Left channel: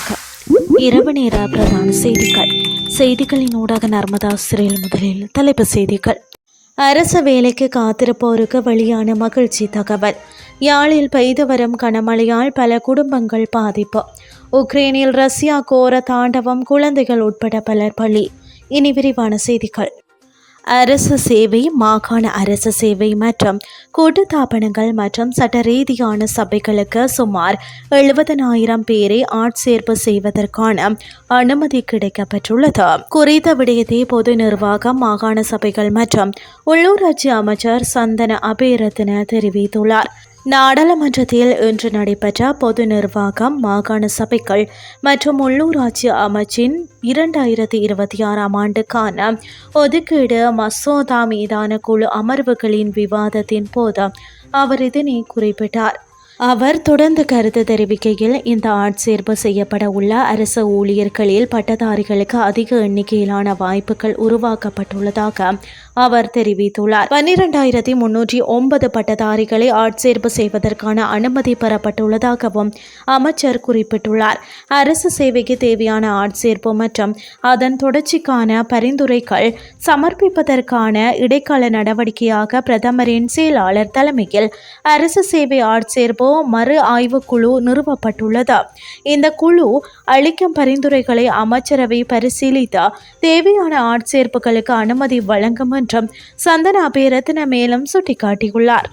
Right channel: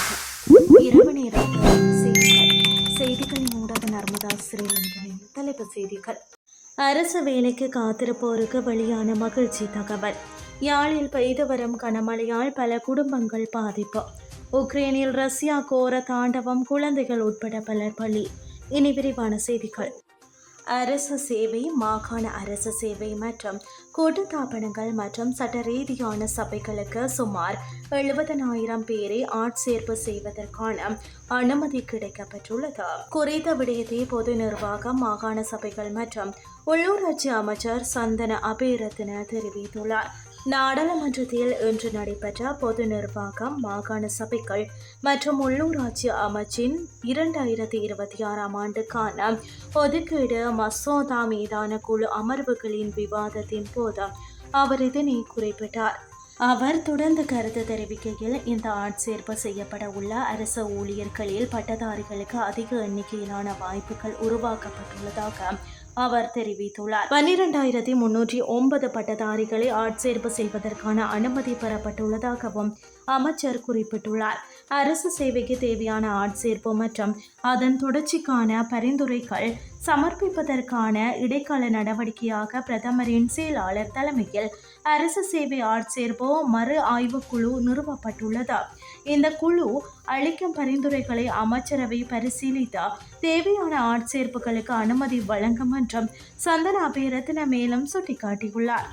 வணக்கம் இரவு நேர பிரதான செய்திகள். செய்திகளின் ஊடாக நர்மதா சிறையில் முதலில் தலைப்பு செய்திகள். அரச வேலைக்கு காத்திருப்போருக்கு வெளியான மகிழ்ச்சி தகவல். யாழில் பெய்து வரும் கனமழையால் பல குடும்பங்கள் பாதிப்பு. உக்ரைனில் ரஷ்யா கோர தாண்டவம் குழந்தைகள் உட்பட பலர் பலி. இனி விரிவான செய்திகள். அரசு சேவை மாகாண அரசு சேவை மற்றும் கூட்டுத்தாபனங்கள் மற்றும் சட்ட ரீதியான சபைகளுக்கு சுமார் எழுபதனாயிரம் பேரை ஆட்சேர்ப்பு செய்வதற்கான அனுமதி கிடைக்கப்பட்டுள்ளது குறித்த விடயத்தை பொது நிர்வாகம் மாகாண சபைகள் மற்றும் உள்ளூராட்சி அமைச்சர் சந்தன அபேரத்ன தெரிவித்துள்ளார். நாடாளுமன்றத்தில் இன்று நடைபெற்ற பொது நிர்வாகம் மாகாண சபைகள் மற்றும் உள்ளூராட்சி அமைச்சின் இரண்டாயிரத்தி இருபத்தி ஆறாம் ஆண்டுக்கான ஒதுக்கீடு மசோதா மீதான குழு அமர்வுகளின் விவாதத்தின் போது அவர் இதனை குறிப்பிட்டார். அவர் தொடர்ந்து கருத்து தெரிவிக்கையில் இந்த ஆட்சேர்ப்பு செய்யப்பட உள்ள அரசு ஊழியர்களில் பட்டதாரிகளுக்கு அதிக எண்ணிக்கையிலான வாய்ப்புகள் உருவாக்கப்பட்டுள்ளதாக அவர் தெரிவித்துள்ளார். பன்னிரெண்டாயிரத்தி முன்னூற்றி ஒன்பது பட்டதாரிகளை ஆட்சேர்ப்பு செய்வதற்கான அனுமதி பெறப்பட்டுள்ளதாகவும் அமைச்சர் குறிப்பிட்டுள்ளார். அரசு சேவைக்கு தேவையான ஆட்சேர்ப்பு மற்றும் அதன் தொடர்ச்சிக்கான பரிந்துரைகள் சமர்ப்பிப்பதற்கான இடைக்கால நடவடிக்கையாக பிரதமரின் செயலாளர் தலைமையில் அரசு சேவை ஆட்சேர்ப்பு மறு ஆய்வுக்குழு நிறுவப்பட்டுள்ளது. இந்த குழு அளிக்கும் பரிந்துரைகளை அமைச்சரவை பரிசீலித்த தேவையான ஆட்சேர்ப்புகளுக்கு அனுமதி வழங்கும் என்றும் சந்தன அபேரத்ன மேலும் சுட்டிக்காட்டியுள்ளார்.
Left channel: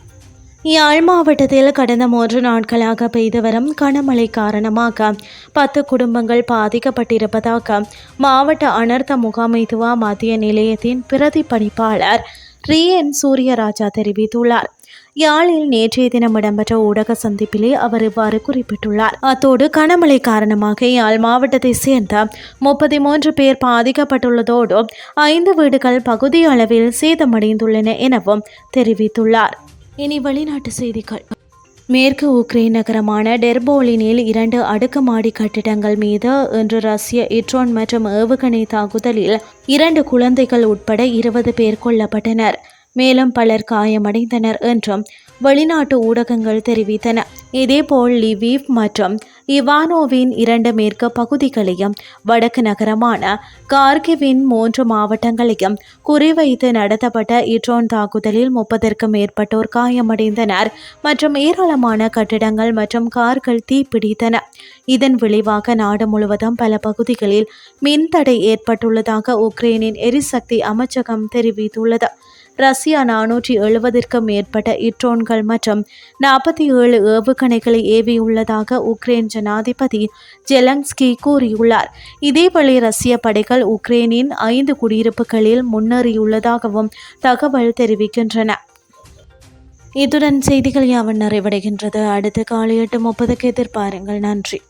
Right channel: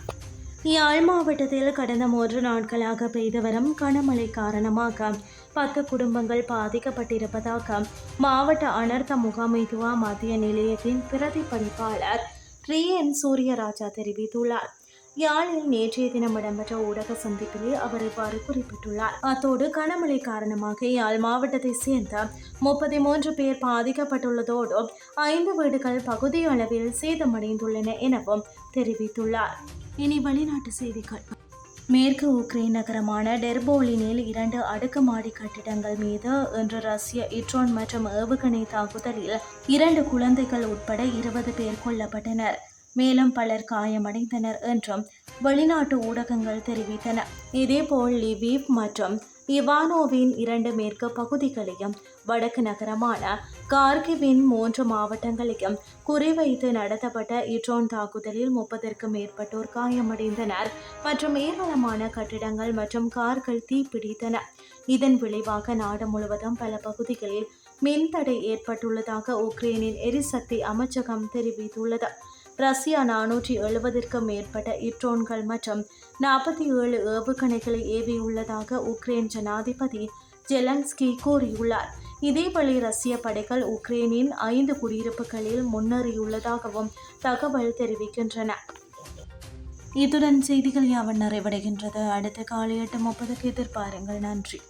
யாழ் மாவட்டத்தில் கடந்த மூன்று நாட்களாக பெய்து வரும் கனமழை காரணமாக பத்து குடும்பங்கள் பாதிக்கப்பட்டிருப்பதாக மாவட்ட அனர்த்த முகாமைத்துவ மத்திய நிலையத்தின் பிரதி பணிப்பாளர் ரியன் சூரியராஜா தெரிவித்துள்ளார். யாழில் நேற்றைய தினம் இடம்பெற்ற ஊடக சந்திப்பிலே அவர் இவ்வாறு குறிப்பிட்டுள்ளார். அத்தோடு கனமழை காரணமாக யாழ் மாவட்டத்தை சேர்ந்த முப்பத்தி மூன்று பேர் பாதிக்கப்பட்டுள்ளதோடு ஐந்து வீடுகள் பகுதி அளவில் சேதமடைந்துள்ளன எனவும் தெரிவித்துள்ளார். இனி வெளிநாட்டு செய்திகள். மேற்கு உக்ரைன் நகரமான டெர்போலினில் இரண்டு அடுக்குமாடி கட்டிடங்கள் மீது இன்று ரஷ்ய இட்ரோன் மற்றும் ஏவுகணை தாக்குதலில் இரண்டு குழந்தைகள் உட்பட இருபது பேர் கொல்லப்பட்டனர். மேலும் பலர் காயமடைந்தனர் என்றும் வெளிநாட்டு ஊடகங்கள் தெரிவித்தன. இதேபோல் லிவீவ் மற்றும் இவானோவின் இரண்டு மேற்கு பகுதிகளையும் வடக்கு நகரமான கார்கிவின் மூன்று மாவட்டங்களையும் குறிவைத்து நடத்தப்பட்ட இட்ரோன் தாக்குதலில் முப்பதற்கும் மேற்பட்டோர் காயமடைந்தனர் மற்றும் ஏராளமான கட்டிடங்கள் மற்றும் கார்கள் தீப்பிடித்தன. இதன் விளைவாக நாடு முழுவதும் பல பகுதிகளில் மின்தடை ஏற்பட்டுள்ளதாக உக்ரைனின் எரிசக்தி அமைச்சகம் தெரிவித்துள்ளது. ரஷ்யா நானூற்றி எழுபதிற்கும் மேற்பட்ட இட்ரோன்கள் மற்றும் நாற்பத்தி ஏழு ஏவுகணைகளை ஏவியுள்ளதாக உக்ரைன் ஜனாதிபதி ஜெலன்ஸ்கி கூறியுள்ளார். இதேவேளை ரஷ்ய படைகள் உக்ரைனின் ஐந்து குடியிருப்புகளில் முன்னேறியுள்ளதாகவும் தகவல் தெரிவிக்கின்றன. இத்துடன் செய்திகள் யாவன் நிறைவடைகின்றது. அடுத்த காலை எட்டு முப்பதுக்கு எதிர்பாருங்கள். நன்றி.